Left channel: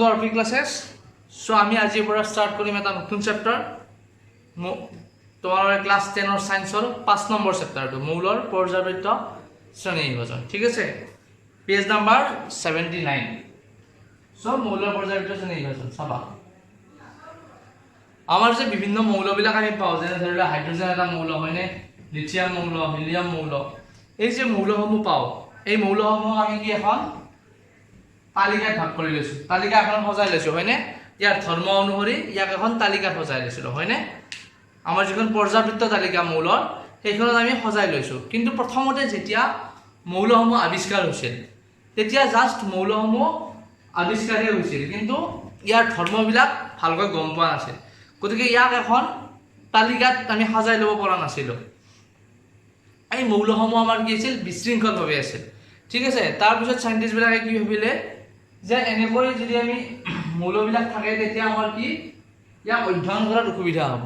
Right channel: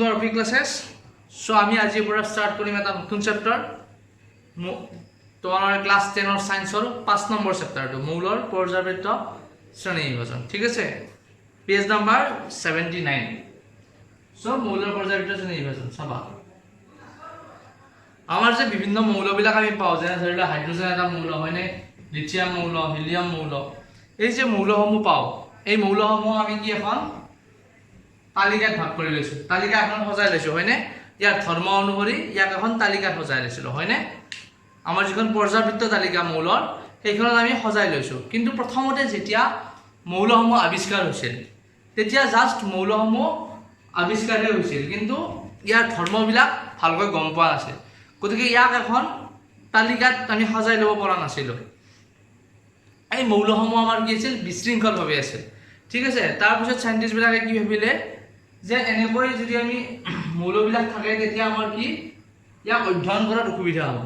Two R P classes. চ' আমি আজিৰ পৰা ষ্টাৰ্ট কৰিম এটা নতুন চেপ্টাৰ, তোমালোকৰ ক্লাছ 10ৰ ছায়েন্সৰ 5 নম্বৰ চেপ্টাৰটো, মৌলৰ পৰ্যাবৃত্ত শ্ৰেণী বিভাজন। ঠিক আছে, পেজ নাম্বাৰ 79। চ' মৌলৰ পৰ্যাবৃত্ত শ্ৰেণী বিভাজন চাবা। আমাৰ যে বিভিন্ন মৌলবিলাক আমি পাওঁ, যেনে ধৰি লোৱা হাইড্ৰজেন এটা মৌল হয়নে, লিথিয়াম মৌল, হিলিয়াম মৌল, এই যে মৌলসমূহ পাওঁ, এই মৌলসমূহ আমি কি এখন তালিকাত ভাগ কৰি লৈছোঁ, তালিকা এখন সজাই লৈছোঁ হয়নে, ইয়াৰ ধৰ্ম অনুসৰি ইয়াক এখন তালিকাত সজাই লৈছিলোঁ হয়নে। আমাৰ যিখন পৰ্যাবৃত্ত তালিকা মৌলৰ, সেইখনত আমি সজাই লৈছোঁ। কিন্তু প্ৰথমতে যেতিয়া মৌলসমূহ আৱিষ্কাৰ হৈছিল, তেতিয়া জাষ্ট মৌলসমূহ আৱিষ্কাৰহে হৈছিল, কিন্তু ইয়াৰ ধৰ্মবিলাক ভালকৈ গম পোৱা নাছিল। গতিকে ইয়াক এখন তালিকাত আমি সজাই ল'ব পৰা নাছিলোঁ। এই মৌলসমূহ আমাৰ কি আছিল, বিশৃংখলভাৱে আছিল। ঠিক আছে, তাৰপিছত চাইণ্টিষ্টবিলাকে কি ভাবিলে যে এনেকৈ যদি আমি মৌলবিলাক থাকে তেতিয়া আমাৰ কি ইয়াক অধ্যয়ন কৰাত অসুবিধা হ'ব।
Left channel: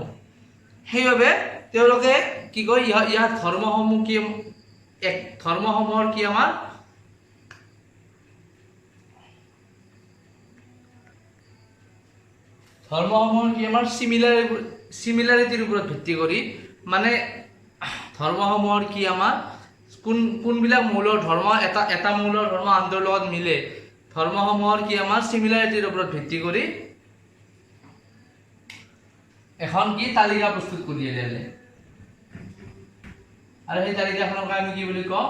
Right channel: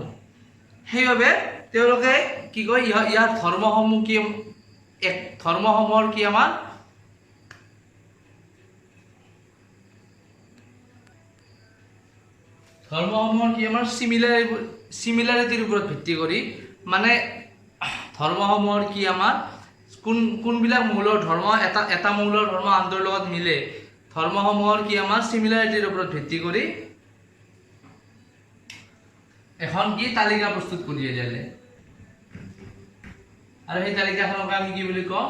সেইবাবে তেওঁলোকে কি কয়, ইয়াৰ ধৰ্মসমূহ কি, ধৰ্মসমূহৰ কি আমাৰ চিমিলাৰিটিৰ ওপৰত ভিত্তি কৰি, মানে ধৰ্মসমূহৰ কি আমাৰ কোনবিলাক মৌলৰ ধৰ্ম এটা মৌলৰ ধৰ্ম আনটোৰ লগত মিলে, ধৰ্মসমূহৰ কি আমাৰ চিমিলাৰিটিৰ ওপৰত ভিত্তি কৰি এখন কি তালিকা প্ৰস্তুত কৰি উলিয়ালে। আৰু সেই তালিকাখনক আমি কি বুলি কওঁ,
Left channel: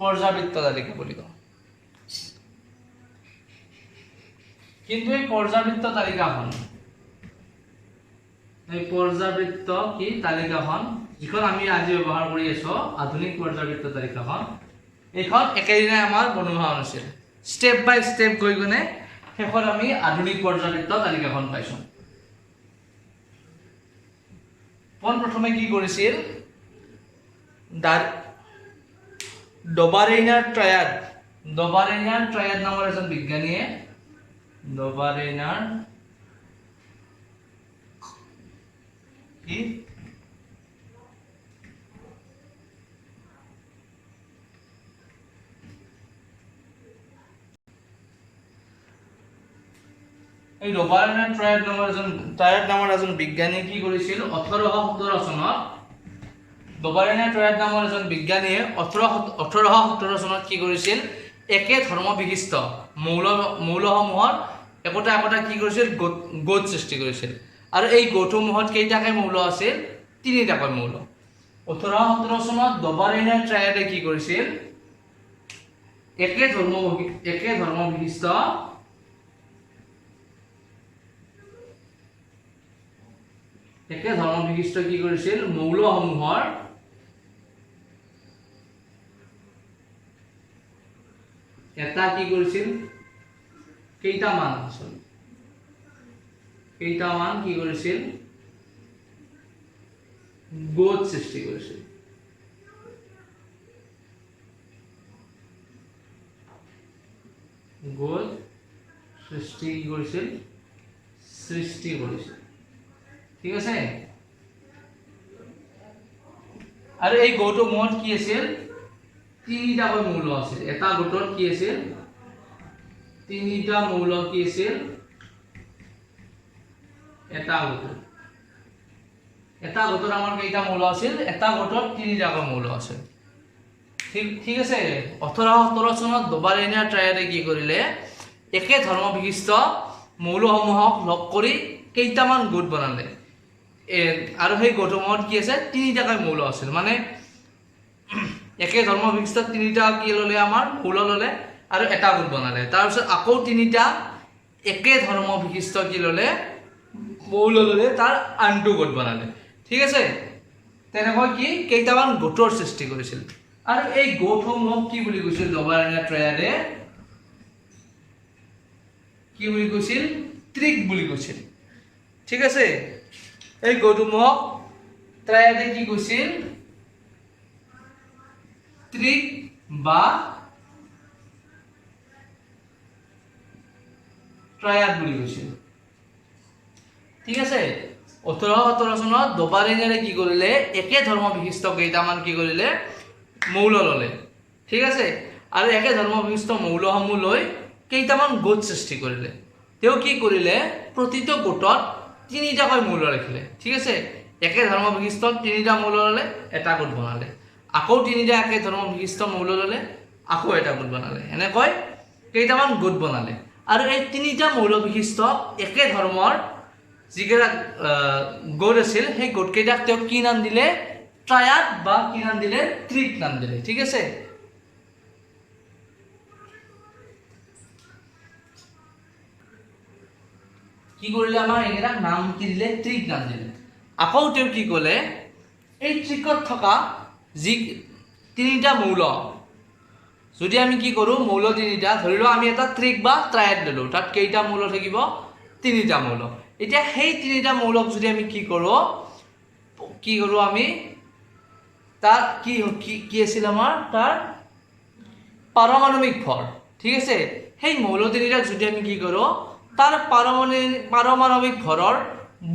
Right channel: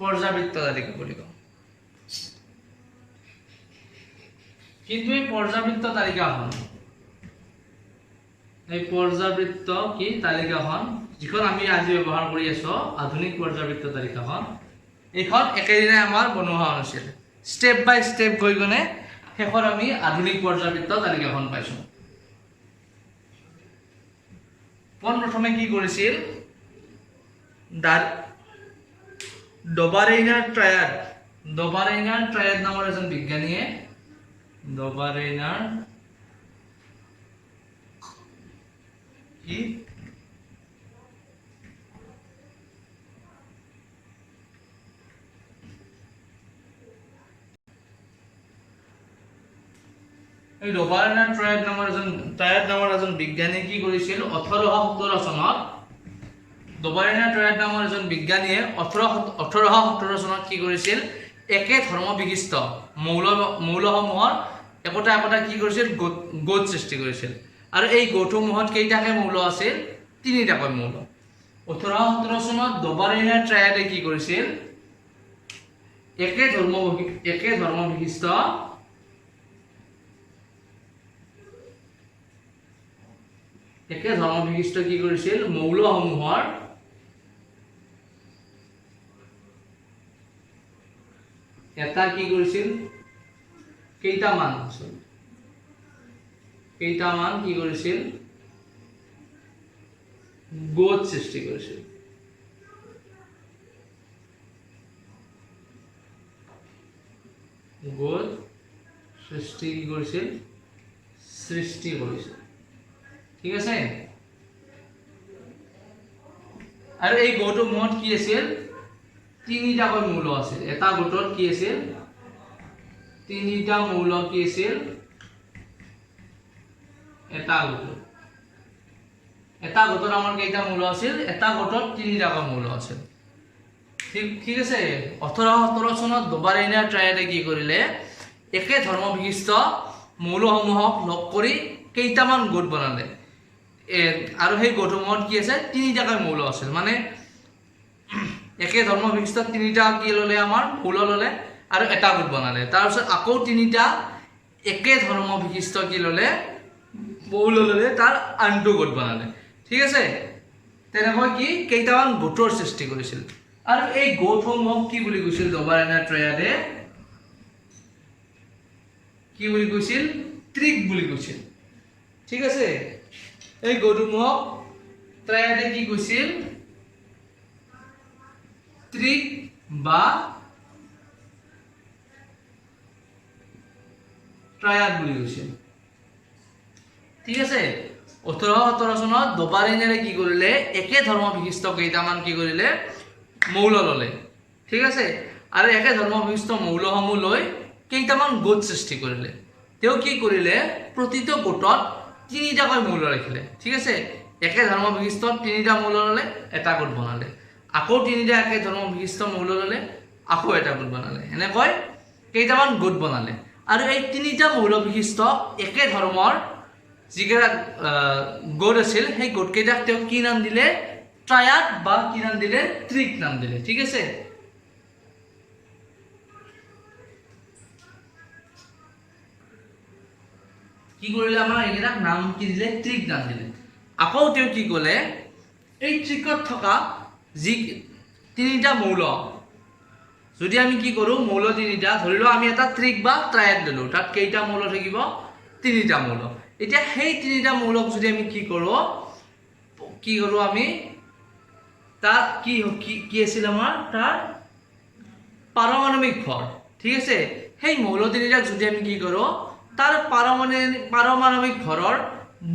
পৰ্যাবৃত্ত তালিকা বুলি কওঁ। কিন্তু এই পৰ্যাবৃত্ত তালিকাখন, এই পৰ্যাবৃত্ত কি তালিকাখন, যিখন আমি আজি ব্যৱহাৰ কৰি আছো আধুনিক পৰ্যাবৃত্ত তালিকাখন, এইখন একেদিনাই আমাৰ বনোৱা হোৱা নাছিল। ষ্টেপ বাই ষ্টেপ গৈ কিনে শেষত আমি আধুনিক পৰ্যাবৃত্ত তালিকাখন পাইছোঁ। পোনপ্ৰথমে কি কৰিছিল, ডবাৰেইনাৰ ট্ৰায়াড নামৰ এজন বিজ্ঞানীয়ে, ডবাৰেইনাৰ কি এই ডবাৰেইনাৰ ট্ৰায়াড নামৰ এজন বিজ্ঞানীয়ে কি কৰিছিল, 1817 চনত ডবাৰেইনাৰ ট্ৰায়াড নামৰ এজন বিজ্ঞানীয়ে 1817 চনত কি কৰিছিল, একে ধৰ্ম বিশিষ্ট মৌলসমূহৰ একোটা কি কৰিছিল, গোট সৃষ্টি কৰিছিল। আৰু এই গোটসমূহত কেইটাকৈ মৌল আছিল, 3টাকৈ মৌল। 1817 চনত ডবাৰেইনাৰ ট্ৰায়াডে কি কৰিছিল, একে ধৰ্ম বিশিষ্ট কি কৰিছিল, মৌলসমূহৰ এটা কি কৰিছিল, কেইটামান কি কৰিছিল, গোট সৃষ্টি কৰিছিল। গোট সৃষ্টি কৰিছিল। ঠিক আছে, আৰু এই গোটসমূহত কি আছিল, 3টাকৈ মৌল আছিল। এটা গোটত কি আছিল, 3টা মৌল কি আছিল, এটা গোটত আমাৰ কেইটা মৌল আছিল, এটা গোটত 3টাকৈ মৌল আছিল। ঠিক আছে, 1817 চনত ডবাৰেইনাৰ ট্ৰায়াডে কি কৰিলে, একে ধৰ্ম বিশিষ্ট মৌলসমূহক লগ কৰি কেইটামান গোট বনালে। আৰু সেই গোটসমূহত কি আছে, 3টাকৈ মৌল আছিল। মানে একে ধৰ্ম বিশিষ্ট 3টা কি ল'লে, আমাৰ মৌল ল'লে আৰু এটা গোট বনালে। তাৰপিছত আকৌ 3টা একে ধৰ্ম বিশিষ্ট কি ল'লে, মৌল ল'লে, তাৰ আনটো গোট বনালে। ঠিক আছে, তেনেকৈ কি কেইটামান গোটৰ সৃষ্টি কৰিছিল। আৰু এই গোটসমূহক কি বুলি কৈছিল, ডবাৰেইনাৰ ট্ৰায়াডে কি বুলি কৈছিল, ত্ৰিক বুলি কৈছিল। ঠিক আছে, এই গোটসমূহক ট্ৰায়াডে কি কৈছিল, ত্ৰিক বা ট্ৰায়াড বুলি কৈছিল। ঠিক আছে, 1817 চনত ডবাৰেইনাৰে কি কৰিলে, একে ধৰ্ম বিশিষ্ট কেইটামান কি কৰিলে, মৌল ল'লে। ঠিক আছে, আৰু একে ধৰ্ম বিশিষ্ট মৌলসমূহ লৈ কেইটামান গোট সৃষ্টি কৰিলে। তেওঁ কি কৰিলে প্ৰতিটো গোটত তিনিটাকৈ মৌল ৰাখিলে ঠিক আছে একে ধৰ্ম বিশিষ্ট তিনিটা মৌল ল'লে এটা গোট বনালে আকৌ তিনিটা একে ধৰ্ম বিশিষ্ট মৌল ল'লে আকৌ এটা গোট বনালে এনেকৈ কেইটামান গোট বনালে আৰু এই তিনিটা মৌল বিশিষ্ট একে ধৰ্মৰ যিকেইটা গোট আছিল সেই গোটকেইটাক তেওঁ কি নাম দিলে ট্ৰায়াড বা কি নাম দিলে ট্ৰিক নাম দিলে ঠিক আছে কি কৰিলে আমাৰ এইকেইটা নাম কি দিলে ট্ৰিক নাম দিলে আকৌ তেওঁ কি ক'লে এই ট্ৰিকত থকা যি তিনিটা মৌল যদি আমি কি কৰোঁ মৌল তিনিটা ধৰি লওঁ আমি এটা ট্ৰিক বা ট্ৰায়াড ল'লোঁ তাত কেইটা মৌল থাকিব তিনিটা মৌল এতিয়া সেই তিনিটা মৌলক যদি আমি কি কৰোঁ আমি তাৰ কি আছিল আমাৰ তাৰ পাৰমাণবিক ভৰ ঠিক আছে সেই মৌল তিনিটাক যদি আমি কি কৰোঁ তাৰ পাৰমাণবিক ভৰৰ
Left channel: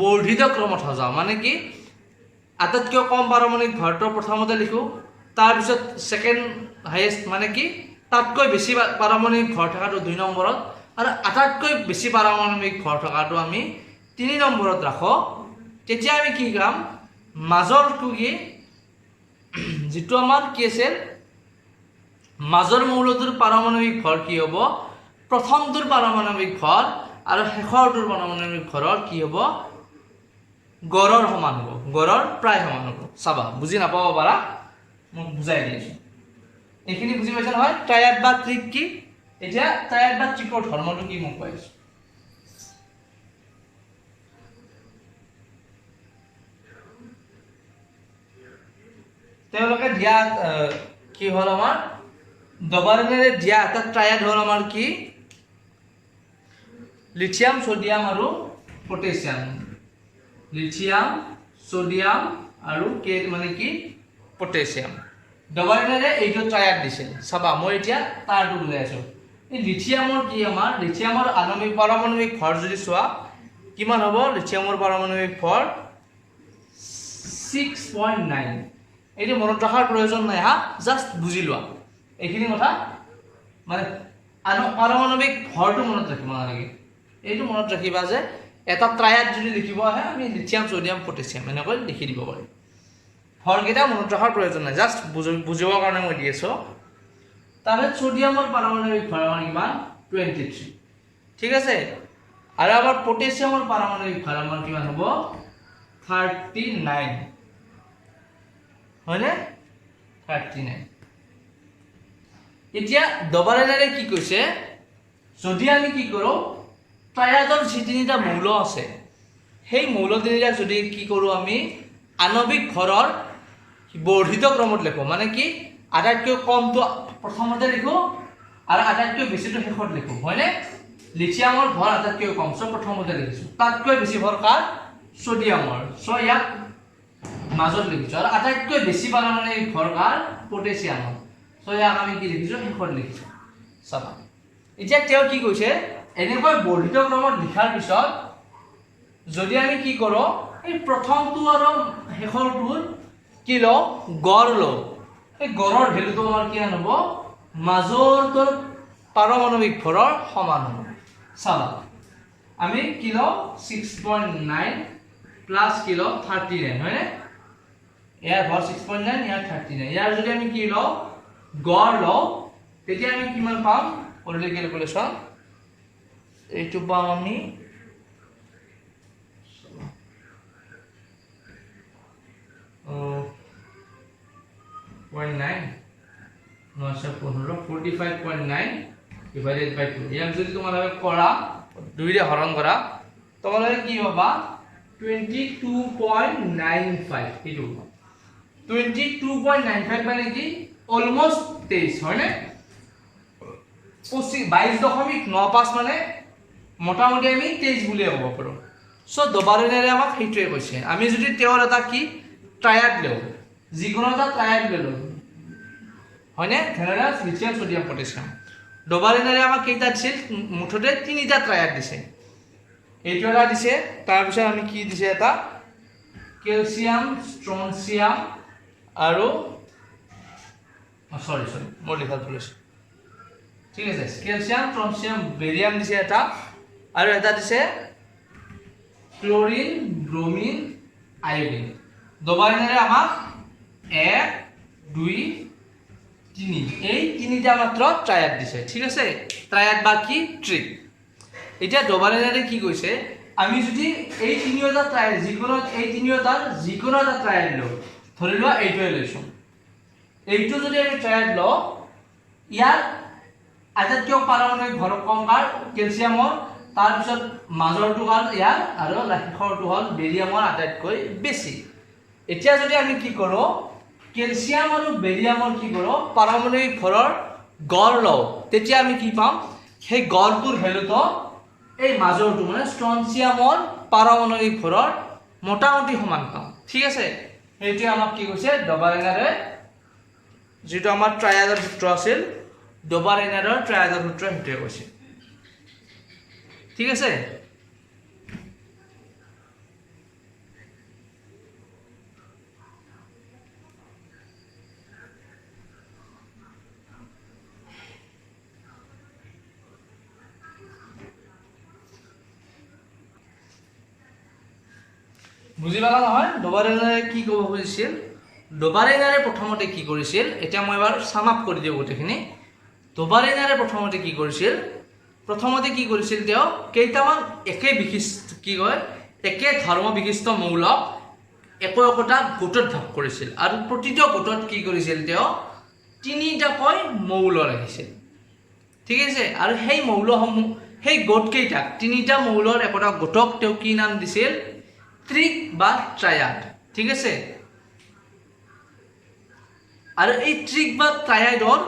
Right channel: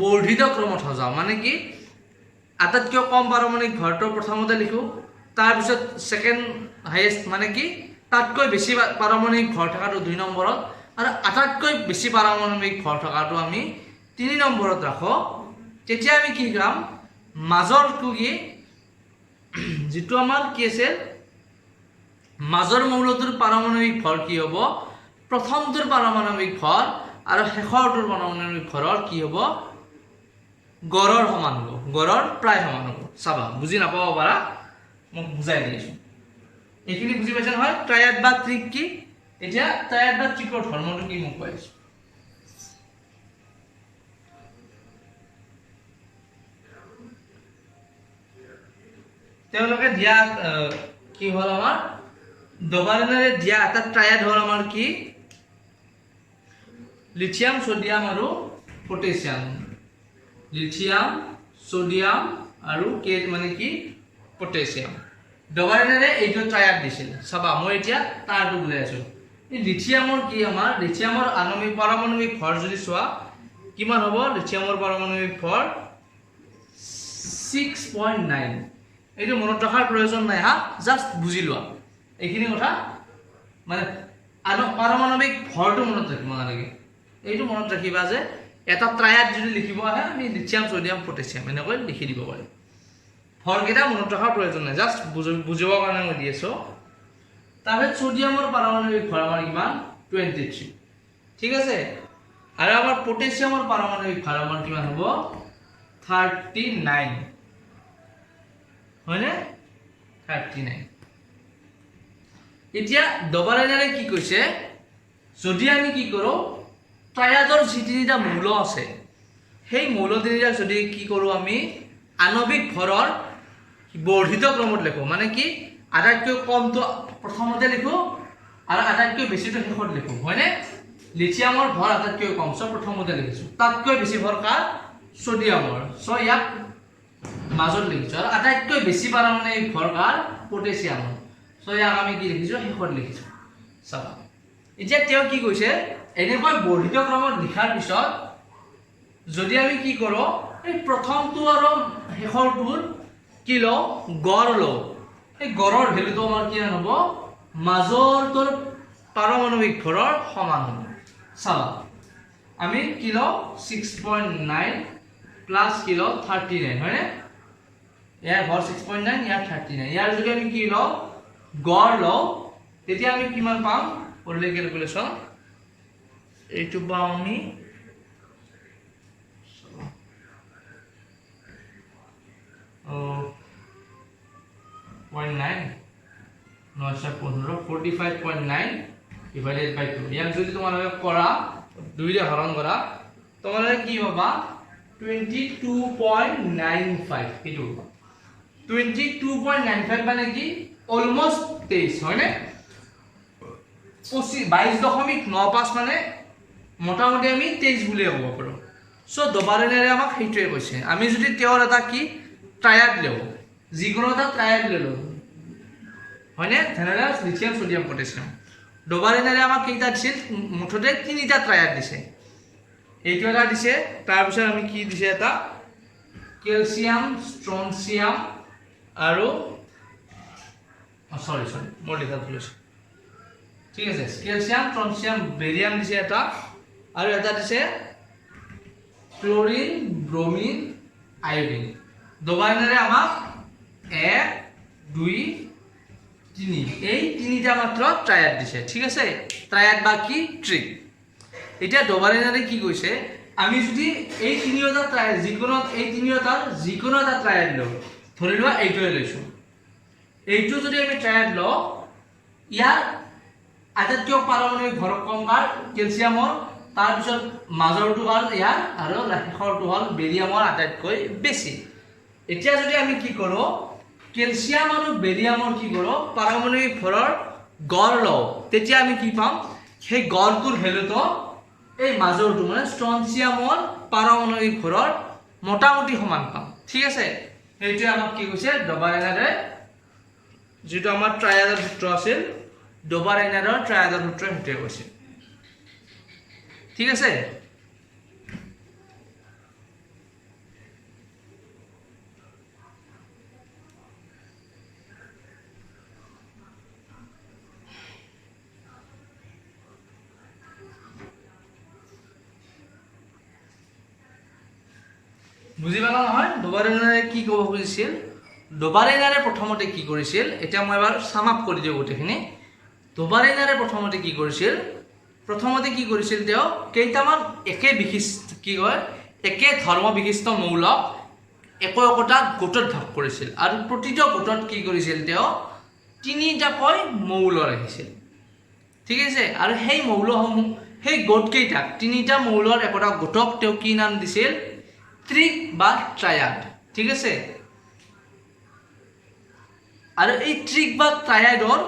বৰ্ধিত ক্ৰমত সজাওঁ মানে কি আটাইতকৈ কম পাৰমাণবিক ভৰটো প্ৰথমতে লিখোঁ তাৰপিছত ছেকেণ্ড হাইয়েষ্ট মানে কি তাতকৈ বেছি পাৰমাণবিক ভৰ থকাটো 2 নম্বৰত আৰু আটাইতকৈ বেছি পাৰমাণবিক ভৰ থকাটো আমি 3 নম্বৰত ৰাখোঁ তেতিয়া আমি কি কাম মাজৰটো কি যিটো আমাৰ কি আছে মাজৰ মৌলটোৰ পাৰমাণবিক ভৰ কি হ'ব প্ৰথমটোৰ পাৰমাণবিক ভৰ আৰু শেষৰটোৰ পাৰমাণবিক ভৰৰ কি হ'ব গড়ৰ সমান হ'ব গড়ৰ প্ৰায় সমান হ'ব চাবা বুজি নাপাব পাৰা মই বুজাই দিছোঁ এইখিনি বুজি পাইছা নহয় ট্ৰায়াড বা ট্ৰিক কি এতিয়া ট্ৰায়াড বা ট্ৰিকৰ ধৰ্মটো কি মোক কৈ দিছোঁ তেওঁলোকে দিয়া কি হ'ল আমাৰ ডবাৰেনেৰে দিয়া এটা ট্ৰায়াড হ'ল আমাৰ কি লিথিয়াম সোডিয়াম আৰু পটাছিয়াম লিথিয়াম সোডিয়াম আৰু কে মানে কি পটাছিয়াম ডবাৰেনেৰে এইটো ট্ৰায়াড দিছে চাবা মই এতিয়া তাৰটো বুজাই আছোঁ এই লিথিয়ামৰ কি আমাৰ লিথিয়ামৰ আণবিক পাৰমাণবিক ভৰ যদি চোৱা কিমান হ'ব লিথিয়ামৰ পাৰমাণবিক ভৰ 6.9 এইটো মনত ৰখাৰ প্ৰয়োজন নাই হা জাষ্ট বুজি লোৱা এইখিনি কথা মানে পাৰমাণবিক ভৰটো মনত ৰাখিব নালাগে এইটো মনত ৰাখিবা যে এটা ট্ৰায়াড যদি লিখিব আহে আমি লিথিয়াম সোডিয়াম পটাছিয়াম এনেকৈ লিখি দিব পাৰিম ভৰকেইটা মনত ৰখাৰ প্ৰয়োজন নাই জাষ্ট বুজিবৰ কাৰণে মই দি আছোঁ তাৰপিছত সোডিয়ামৰ পাৰমাণবিক ভৰ আমাৰ কিমান 23 ঠিক আছে আৰু আমাৰ পটাছিয়ামৰ পাৰমাণবিক ভৰ আমাৰ কিমান হ'ব 39 হয়নে 39 এতিয়া ডবাৰেনেৰে কি কৈছে যদি আমি কি কৰোঁ ট্ৰায়াডৰ যি তিনিটা মৌল আছে সেই মৌল তিনিটা যদি কি কৰোঁ আমি আণবিক ভৰৰ বৰ্ধিত ক্ৰমত লিখোঁ মানে কি আটাইতকৈ কমটো প্ৰথমতে লিখোঁ আৰু আটাইতকৈ বেছিটো শেষত লিখোঁ হয়নে লিথিয়ামৰ ভৰ আটাইতকৈ কম চ প্ৰথমতে লিখিছোঁ তাতকৈ বেছি ভৰ কাৰ সোডিয়ামৰ চ ইয়াক মাজত লিখিছোঁ আৰু আটাইতকৈ বেছি পাৰমাণবিক ভৰ কাৰ পটাছিয়ামৰ চ ইয়াক আমি কি লিখিছোঁ শেষত লিখিছোঁ চাবা এতিয়া তেওঁ কি কৈছে এনেকৈ বৰ্ধিত ক্ৰমত লিখাৰ পিছত যদি আমি কি কৰোঁ এই প্ৰথমটো আৰু শেষৰটোৰ কি লওঁ গড় লওঁ এই গড়ৰ ভেলুটো আমাৰ কিমান হ'ব মাজৰটোৰ পাৰমাণবিক ভৰৰ সমান হ'ব চাবা আমি কি লওঁ 6.9 প্লাছ কি লওঁ 39 হয়নে ইয়াৰ ভৰ 6.9 ইয়াৰ 39 ইয়াৰ যদি আমি কি লওঁ গড় লওঁ তেতিয়া আমি কিমান পাম কৰিলে কেলকুলেশ্যন এইটো পাওঁ আমি 45.9 divided by 2 ইয়াক যদি তোমালোকে কৰা 2 ৰে হৰণ কৰা তোমালোকে কি পাবা 22.95 এইটো 22.95 মানে কি অলমোস্ট 23 হয়নে 22.95 মানে মোটামুটি আমি 23 বুলিয়ে ক'ব পাৰোঁ চ' ডবাৰেনেৰে আমাক সেইটোৱে কৈছে আমি যদি তেওঁৰ এটা কি ট্ৰায়াড লওঁ যিকোনো এটা ট্ৰায়াড ল'লোঁ হয়নে তেনেহ'লে লিথিয়াম সোডিয়াম পটাছিয়াম ডবাৰেনেৰে আমাক কেইটা দিছিল মুঠতে 3টা ট্ৰায়াড দিছে এইটো এটা দিছে তাৰপিছত আমি কি দিছে এটা কেলছিয়াম ষ্ট্ৰনচিয়াম আৰু সৰি মই লিখা ভুল হৈছে ঠিক আছে কেলছিয়াম ষ্ট্ৰনচিয়াম বেৰিয়াম দিছে এটা আৰু এটা দিছে ক্লোৰিন ব্ৰোমিন আয়োডিন ডবাৰিনাৰে আমাক 1 2 3 এই তিনিটা মাত্ৰ ট্ৰায়াড দিছে ঠিক আছে ট্ৰায়াড বা কি ট্ৰিক এতিয়া ডবাৰিনাৰে কি কৈছে আমি যদি এই তিনিটা ট্ৰায়াড যিকোনো এই তিনিটাৰ যিকোনো এটা ট্ৰায়াড লওঁ ধৰি লোৱা এইটোৱে লৈছোঁ এইটো যদি আমি ট্ৰায়াড লওঁ ইয়াৰ আটাইতকৈ পাৰমাণৱিক ভৰ কম কাৰ কেলছিয়ামৰ তাৰপিছত মাজৰটো কাৰ ইয়াৰ আৰু শেষৰটো হ'ল বেৰিয়ামৰ আটাইতকৈ বেছি এতিয়া যদি আমি কি কৰোঁ কেলছিয়াম আৰু বেৰিয়ামৰ কি কৰোঁ পাৰমাণৱিক ভৰৰ গড় লওঁ তেতিয়া আমি কি পাম সেই গড়টোৰ ভেলুটো এই মাজৰটো মানে ষ্ট্ৰনচিয়ামৰ পাৰমাণৱিক ভৰৰ মোটামুটি সমান পাম ঠিক আছে সেইটোৱে আমাক কি কৈছে ডবাৰিনাৰে যেটো আমাৰ ট্ৰায়াডৰ সূত্ৰ আছিল ডবাৰিনাৰৰ ট্ৰায়াডৰ সূত্ৰ সেইটোৱে কৈছে ঠিক আছে বুজি পালা নহয় ডবাৰিনাৰে কি ক'ব খুজিছিল ডবাৰিনাৰে প্ৰথমতে কি কৰিছিল এতিয়া মই এবাৰ সাম আপ কৰি দিওঁ গোটেইখিনি ডবাৰিনাৰে প্ৰথমতে কি কৰিছিল তেওঁ কেইটামান একে বিশিষ্ট কি কয় একে ধৰ্ম বিশিষ্ট মৌলক একোটা গোটত ভাগ কৰিছিল আৰু প্ৰতিটো গোটত কি কৰিছিল তেওঁ তিনিটাকৈ মৌল ৰাখিছিল ঠিক আছে আৰু সেই মৌলসমূহ সেই গোট কেইটাক তিনিটা মৌলৰ একোটা গোটক তেওঁ কি নাম দিছিল ট্ৰিক বা ট্ৰায়াড ঠিক আছে আৰু এই ট্ৰিক বা ট্ৰায়াডৰ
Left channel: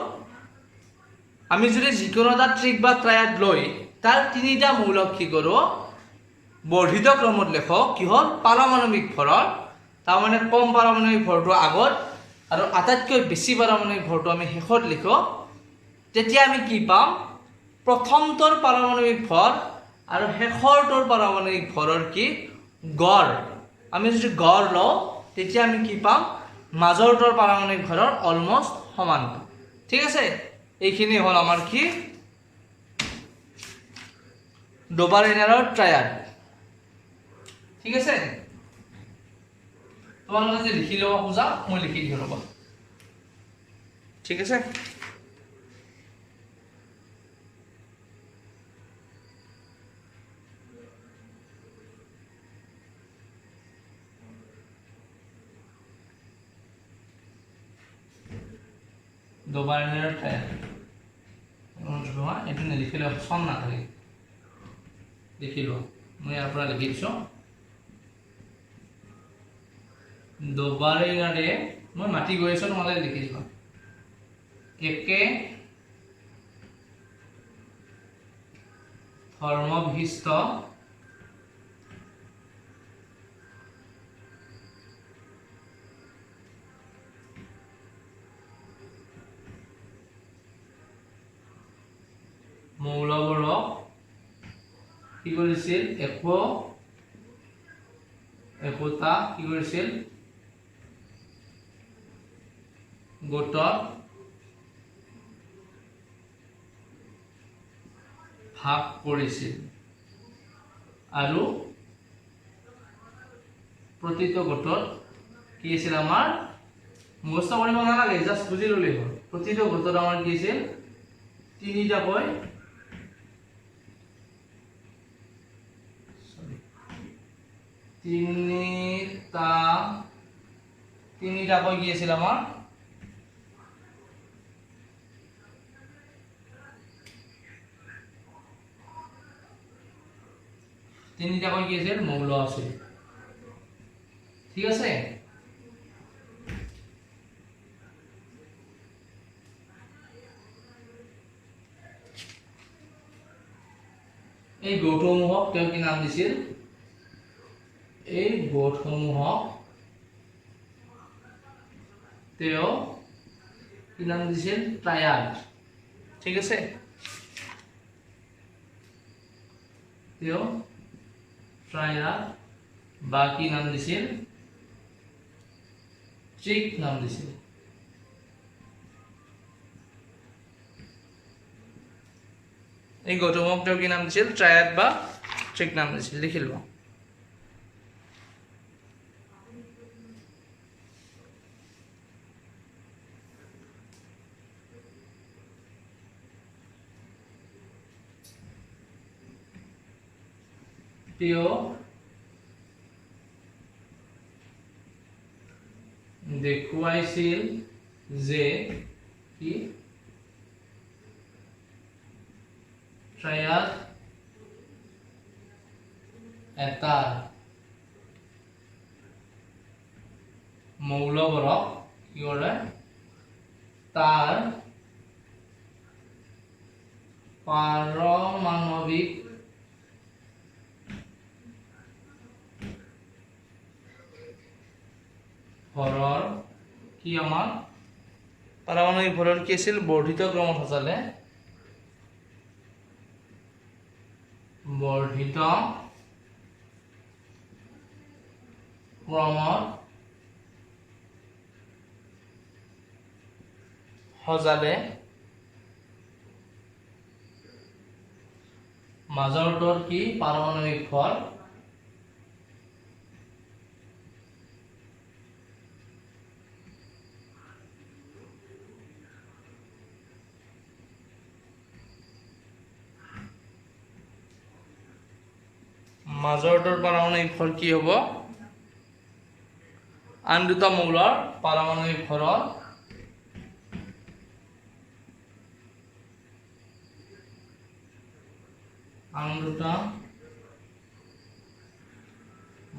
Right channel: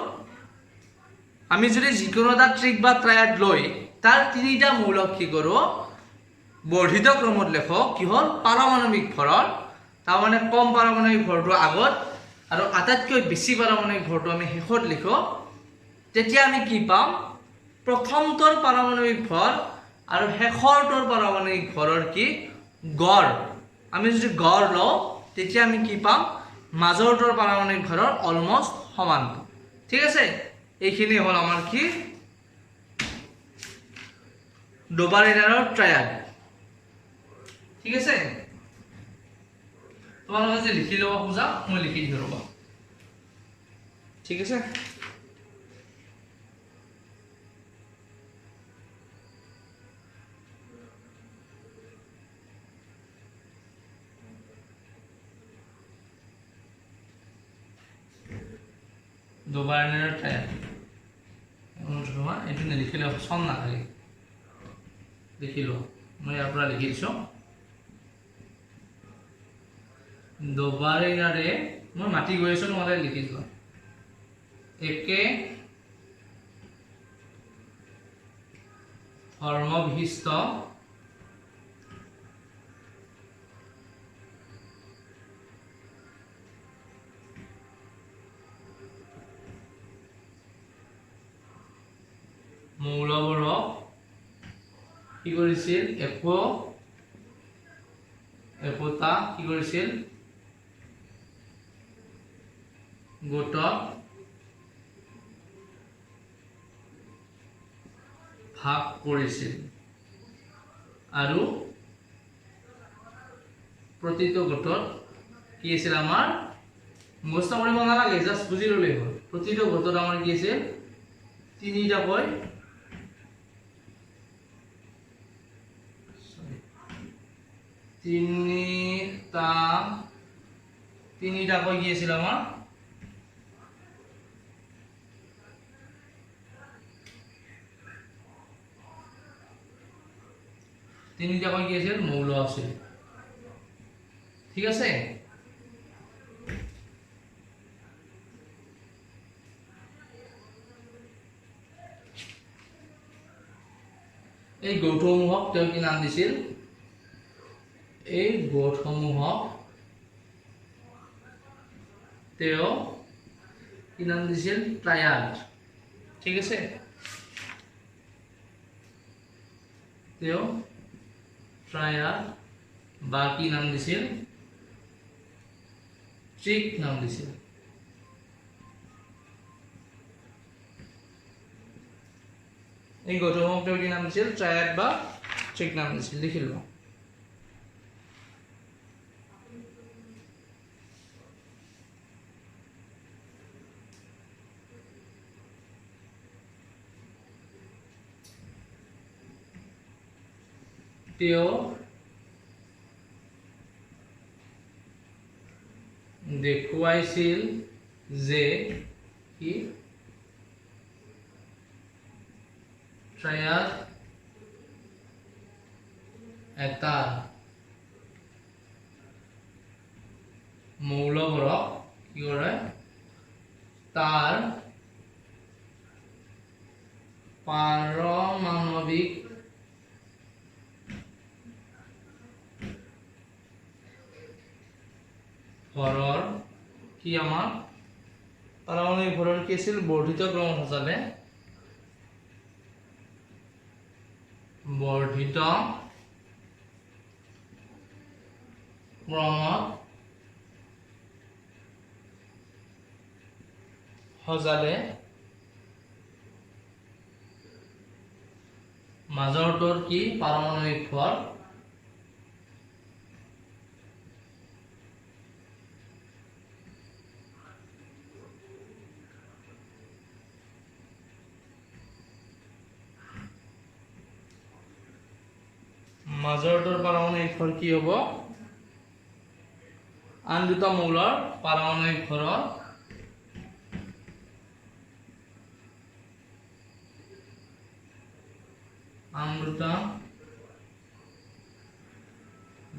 আমি যদি যিকোনো এটা ট্ৰিক বা ট্ৰায়াড লৈ তাৰ তিনিটা মৌলক কি কৰোঁ বৰ্ধিত ক্ৰমত লেখো কি হ'ল পাৰমাণৱিক ভৰৰ তাৰ মানে কম পাৰমাণৱিক ভৰটো আগত আৰু আটাইতকৈ বেছি পাৰমাণৱিক ভৰটো আমি শেষত লিখো তেতিয়া আমি কি পাম প্ৰথমটোৰ পাৰমাণৱিক ভৰ আৰু শেষৰটোৰ পাৰমাণৱিক ভৰৰ কি গড় আমি যদি গড় লওঁ তেতিয়া আমি কি পাম মাজৰটোৰ পাৰমাণৱিক ভৰৰ অলমোস্ট সমান পাম ঠিক আছে এইখিনি হ'ল আমাৰ কি ডবাৰিনাৰৰ ট্ৰায়াড ঠিক আছে তোমালোকে যে লিখি ল'ব খোজা মই লিখি দিওঁ ৰ'বা ঠিক আছে ডবাৰিনাৰৰ ট্ৰায়াড এইটো নিলিখিলে অপশ্যন নাথাকে লিখি লোৱা মই ইয়াৰ পৰা লিখিছোঁ ডবাৰিনাৰে মই মাতি গৈ আছোঁ তোমালোকে লিখি লোৱা একে ধৰ্ম বিশিষ্ট মৌলবোৰক কি কৰিছিল একোটা কি কৰিছিল গোটত ভাগ কৰিছিল আৰু প্ৰতিটো গোটত কি আছিল আমাৰ মুখস্থ কৰিব নালাগে জাষ্ট বুজি ল'লেই হ'ল প্ৰতিটো গোটত আমাৰ কি আছিল তিনিটাকৈ তিনিটাকৈ কি আছিল আমাৰ তিনিটাকৈ কি আছিল মৌল আছিল ঠিক আছে এই গৌঠসমূহক তেওঁ কি নাম দিছিল এই গোটসমূহক তেওঁ কি নাম দিছিল ট্ৰায়াড ঠিক আছে তেওঁ ট্ৰায়াড বা কি নাম দিছিল ট্ৰিক নাম দিছিল এই গৌতমক তেওঁ কি নাম দিছিল ট্ৰায়াড বা ট্ৰিক নাম দিছিল লিখি লওঁ তেওঁ দেখুৱাইছিল যে কি ট্ৰায়াড এটাৰ মৌলবোৰক কি কৰে তাৰ পাৰমাণৱিক ভৰৰ কি আমাৰ পাৰমাণৱিক ভৰৰ কি আছিল বৰ্ধিত ক্ৰমত সজালে বৰ্ধিত ক্ৰমত সজালে মাজৰটোৰ কি পাৰমাণৱিক ভৰ মাজৰটোৰ পাৰমাণৱিক ভৰ কি হ'ব আন দুটা মৌলৰ পাৰমাণৱিক ভৰৰ আন দুটা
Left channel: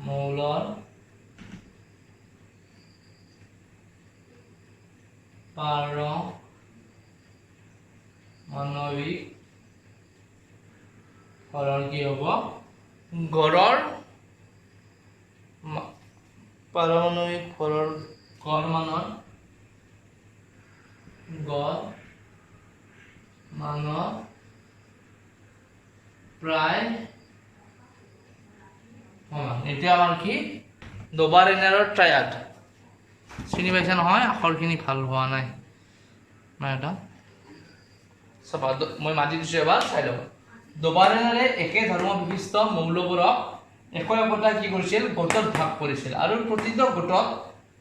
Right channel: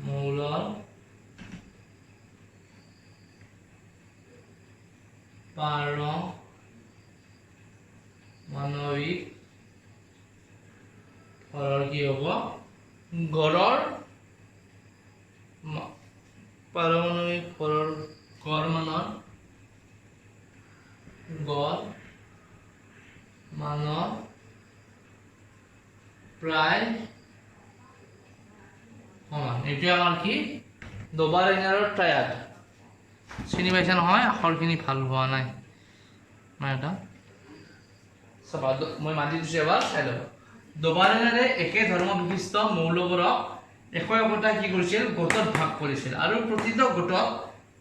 মৌলৰ পাৰমাণৱিক ভৰৰ কি হ'ব গড়ৰ পাৰমাণৱিক ভৰৰ গড় মানৰ প্ৰায় সমান এতিয়া আমাৰ কি ডোবাৰেনাৰৰ ট্ৰায়াড চিনি পাইছে নহয় আখৰখিনি ভাল হোৱা নাই এটা চাবা মই মাতি দিছোঁ এবাৰ চাই ল'ব ডোবাৰেনাৰে একে ধৰ্ম বিশিষ্ট মৌলবোৰক একতা কি কৰিছিল গোটত ভাগ কৰিছিল আৰু প্ৰতিটো গোটত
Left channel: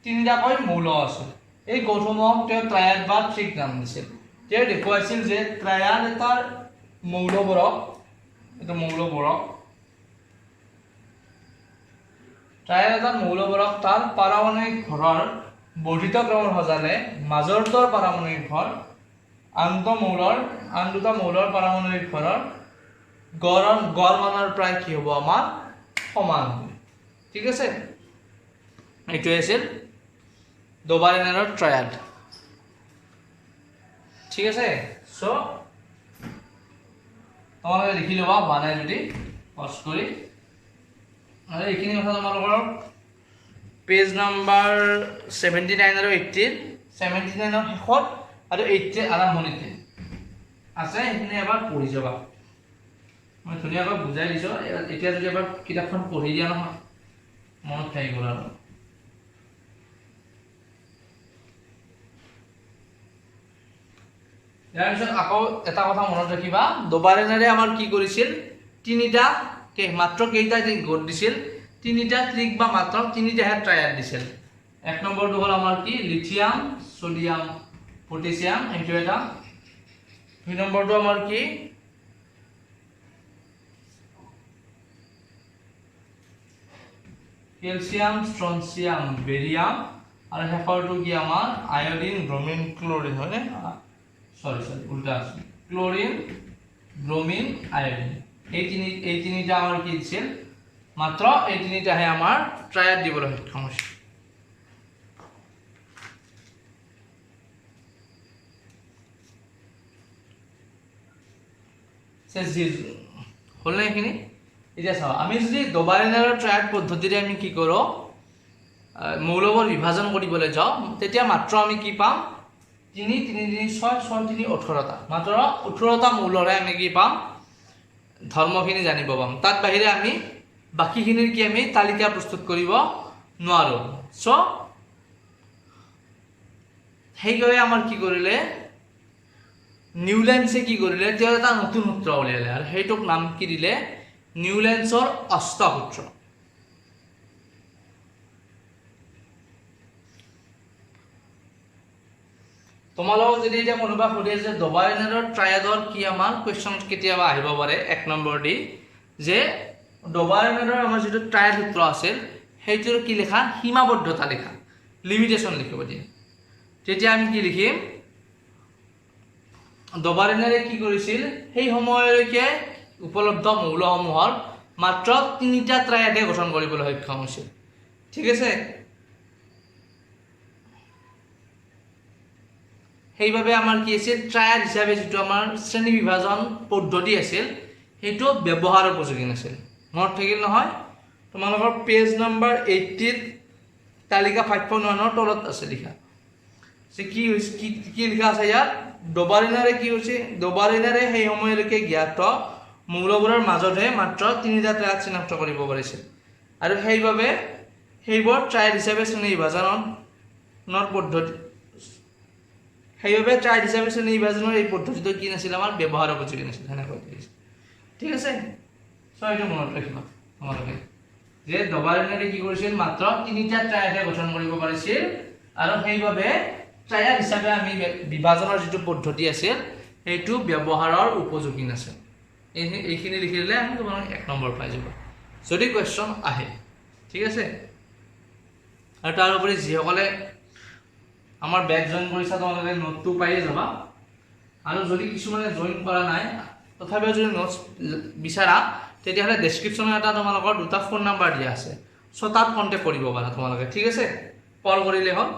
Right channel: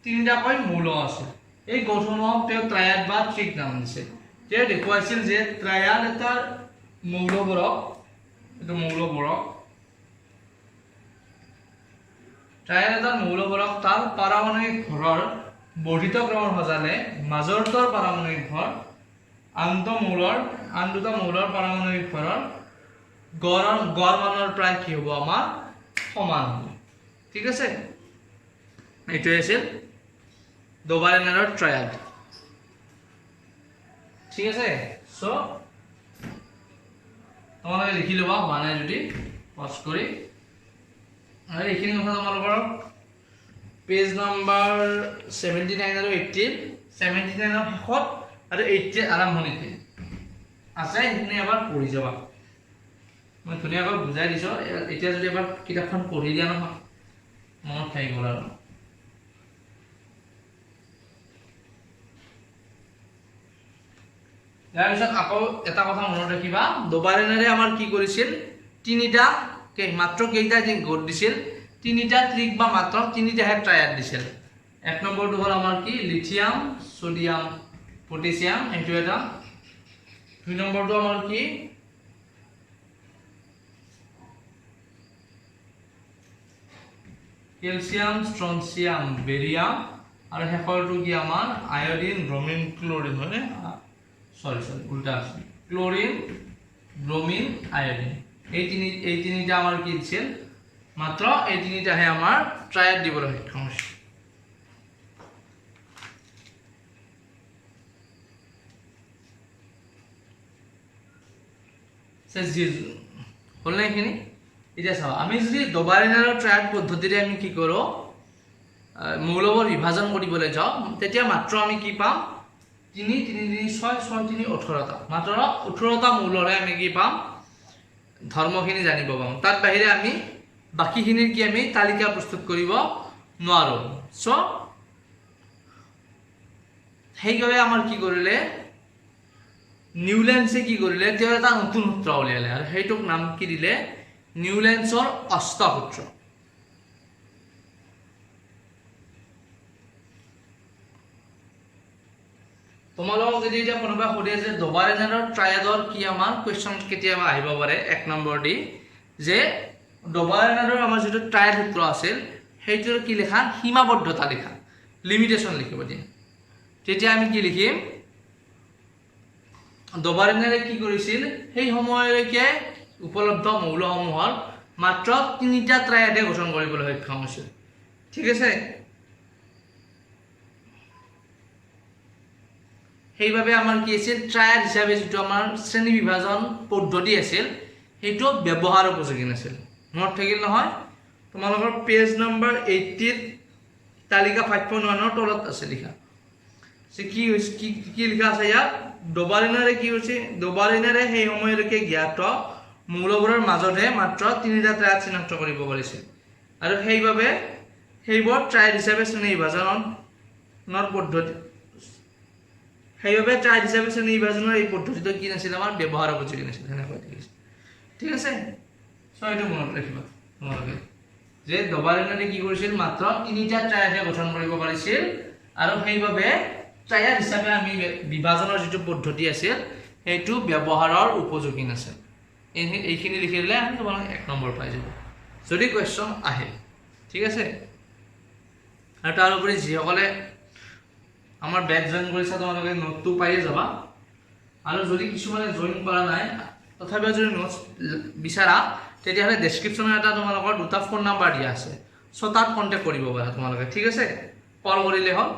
তিনিটাকৈ মৌল আছিল এই গোটসমূহক তেওঁ ট্ৰায়াড বা ট্ৰিক নাম দিছিল তেওঁ দেখুৱাইছিল যে ট্ৰায়াড এটাৰ মৌলবোৰক ট্ৰায়াড এটাৰ মৌলবোৰক তাৰ পাৰমাণৱিক ভৰৰ বৰ্ধিত ক্ৰমত সজালে মাজৰটোৰ পাৰমাণৱিক ভৰ আন দুটা মৌলৰ পাৰমাণৱিক ভৰৰ গড় মানৰ প্ৰায় কি হ'ব আমাৰ সমান ঠিক আছে এইটোৱে আছিল ডোবাৰেনাৰৰ ট্ৰায়াড ঠিক আছে সো তোমালোকে লিখি ল'বা হোৱা নাই যদি পজ কৰি আৰু এইখিনি কথা তোমালোকৰ পেজ নম্বৰ 79 আৰু 80 79 ৰ শেষত আৰু 80 আৰম্ভণিতে আছে সেইখিনি এবাৰ পঢ়ি যাবা মই ধুনীয়াকৈ বুজাই দিছোঁ এতিয়া যদি এবাৰ কিতাপখন পঢ়ি দিয়া নহয় মনত থাকি গ'ল আৰু ইয়াৰ পিছত আকৌ এটা কথা মনত ৰাখিবা ডোবাৰেনাৰে আমাৰ কি কৰিছিল তিনিটা মাত্ৰ কেইটা গোট দিছিল তিনিটা ট্ৰিক বা মাত্ৰ তিনিটাহে ট্ৰায়াড দিছিল এক নম্বৰটো হ'ল আমাৰ কি লিথিয়াম সোডিয়াম পটাছিয়াম এইটো এটা দুই নম্বৰটো আমাৰ কি ক্যালসিয়াম স্ট্ৰনচিয়াম বেৰিয়াম আৰু শেষৰটো কি আমাৰ আয়োডিন ব্ৰোমিন ক্লোৰিন হয়নে সরি উল্টা আছে ক্লোরিন ব্রোমিন আয়োডিন এই তিনিটা আমার কি দিছিল মাত্র এই তিনিটাহে আমার ট্রায়াড দিবলৈ সক্ষম হৈছে হল না এইখিনি এতিয়া চাও আমি যদি ডোবাৰেনাৰৰ ট্ৰায়াড পদ্ধতিৰে আমি কি কৰোঁ মৌলবোৰ বিভাজন কৰিবলৈ যাওঁ তেতিয়া মাত্ৰ আমি কি পাম 3 3 3 6 6 3 18টা মাত্ৰ 18টা মৌলৰে আমি কি পাম ধৰ্মখিনি জানিব পাম তাত বাহিৰে আমি বাকিখিনিৰ কি আমি তালিকা প্ৰস্তুত কৰিব নোৱাৰো সো সেইগৰে আমাৰ কি কৰিলে নিউল্যান্ডছে কি কৰিলে তেওঁ এটা নতুন সূত্ৰ উলিয়ালে আৰু সেইটোক নাম কি দিলে নিউল্যান্ডছৰ অষ্টসূত্ৰ তোমালোকক যদি এতিয়া কোনোবা সুধে যে ডবাৰেনাৰৰ ট্ৰায়াডৰ কি আমাৰ কোৱেশ্চন কেতিয়াবা আহিব পাৰে 1 নম্বৰ দি যে ডবাৰেনাৰৰ আমাৰ যেটো ট্ৰায়াড সূত্ৰ আছিল সেইটোৰ কি লেখা সীমাবদ্ধতা লেখা লিমিটেশন লিখিব দিয়ে তেতিয়া আমি কি লিখিম ডবাৰেনাৰে কি কৰিছিল সেই সময়লৈকে উপলব্ধ মৌলসমূহৰ মাত্ৰ 3টা ট্ৰায়াডে গঠন কৰিবলৈ সক্ষম হৈছিল ঠিক আছে সেইভাবে আমাৰ কি আছিল ট্ৰায়াড হিচাপে যেটো আমাৰ শ্ৰেণী বিভাজন পদ্ধতি আছিল সেইটো ব্যৱহাৰ উপযোগী নাছিল মনত থাকিল নহয় তোমালোকৰ পেজ নম্বৰ 80 তালিকা 5.1 তলত আছে লিখা সে কি লিখা আছে ইয়াত ডবাৰেনাৰে কি হৈছে ডবাৰেনাৰে সেই সময়লৈকে জ্ঞাত মৌলবোৰৰ মাজতে মাত্ৰ 3টা ট্ৰায়াড চিনাক্ত কৰিব পাৰিছিল আৰু সেইভাবে সেইবোৰ ট্ৰায়াড হিচাপে শ্ৰেণী বিভাজনৰ পদ্ধতি সেইভাবে ট্ৰায়াড হিচাপে শ্ৰেণী বিভাজনৰ এই পদ্ধতিটো কি নাছিল আমাৰ ব্যৱহাৰ উপযোগী নাছিল হেনেকৈ ঠিক আছে ছয়টো মনত ৰাখিবা তোমালোকে যে ডবাৰেনাৰে কি কৰিছিল মাত্ৰ 3টা ট্ৰায়াডে গঠন কৰিব পাৰিছিল আৰু সেইভাবে ট্ৰায়াড হিচাপে আমি বিভাজনৰ যেটো পদ্ধতি আছিল সেইটো ব্যৱহাৰৰ উপযোগী নাছিল এইখিনি লিখি দিলে আমি তোমালোক 1 নম্বৰ পাই যাব যদি কোৱেশ্চন আহে ঠিক আছে আৰু তাৰ উপৰি যিসকলে আমাৰ বেচ জয়েন কৰিছা তোমালোকে নোটটো পাইয়ে যাবা আৰু যদি কিছুমানে জয়েন কৰা নাই তথাপিও যদি নোটছ বিচাৰা তেতিয়াহলে ডেসক্ৰিপচনত এটা তোমালোকৰ দুটা ফোন নাম্বাৰ দিয়া আছে সো তাত কন্টাক্ট কৰিব পাৰা তোমালোকে ঠিক আছে কল কৰিলে হ'ল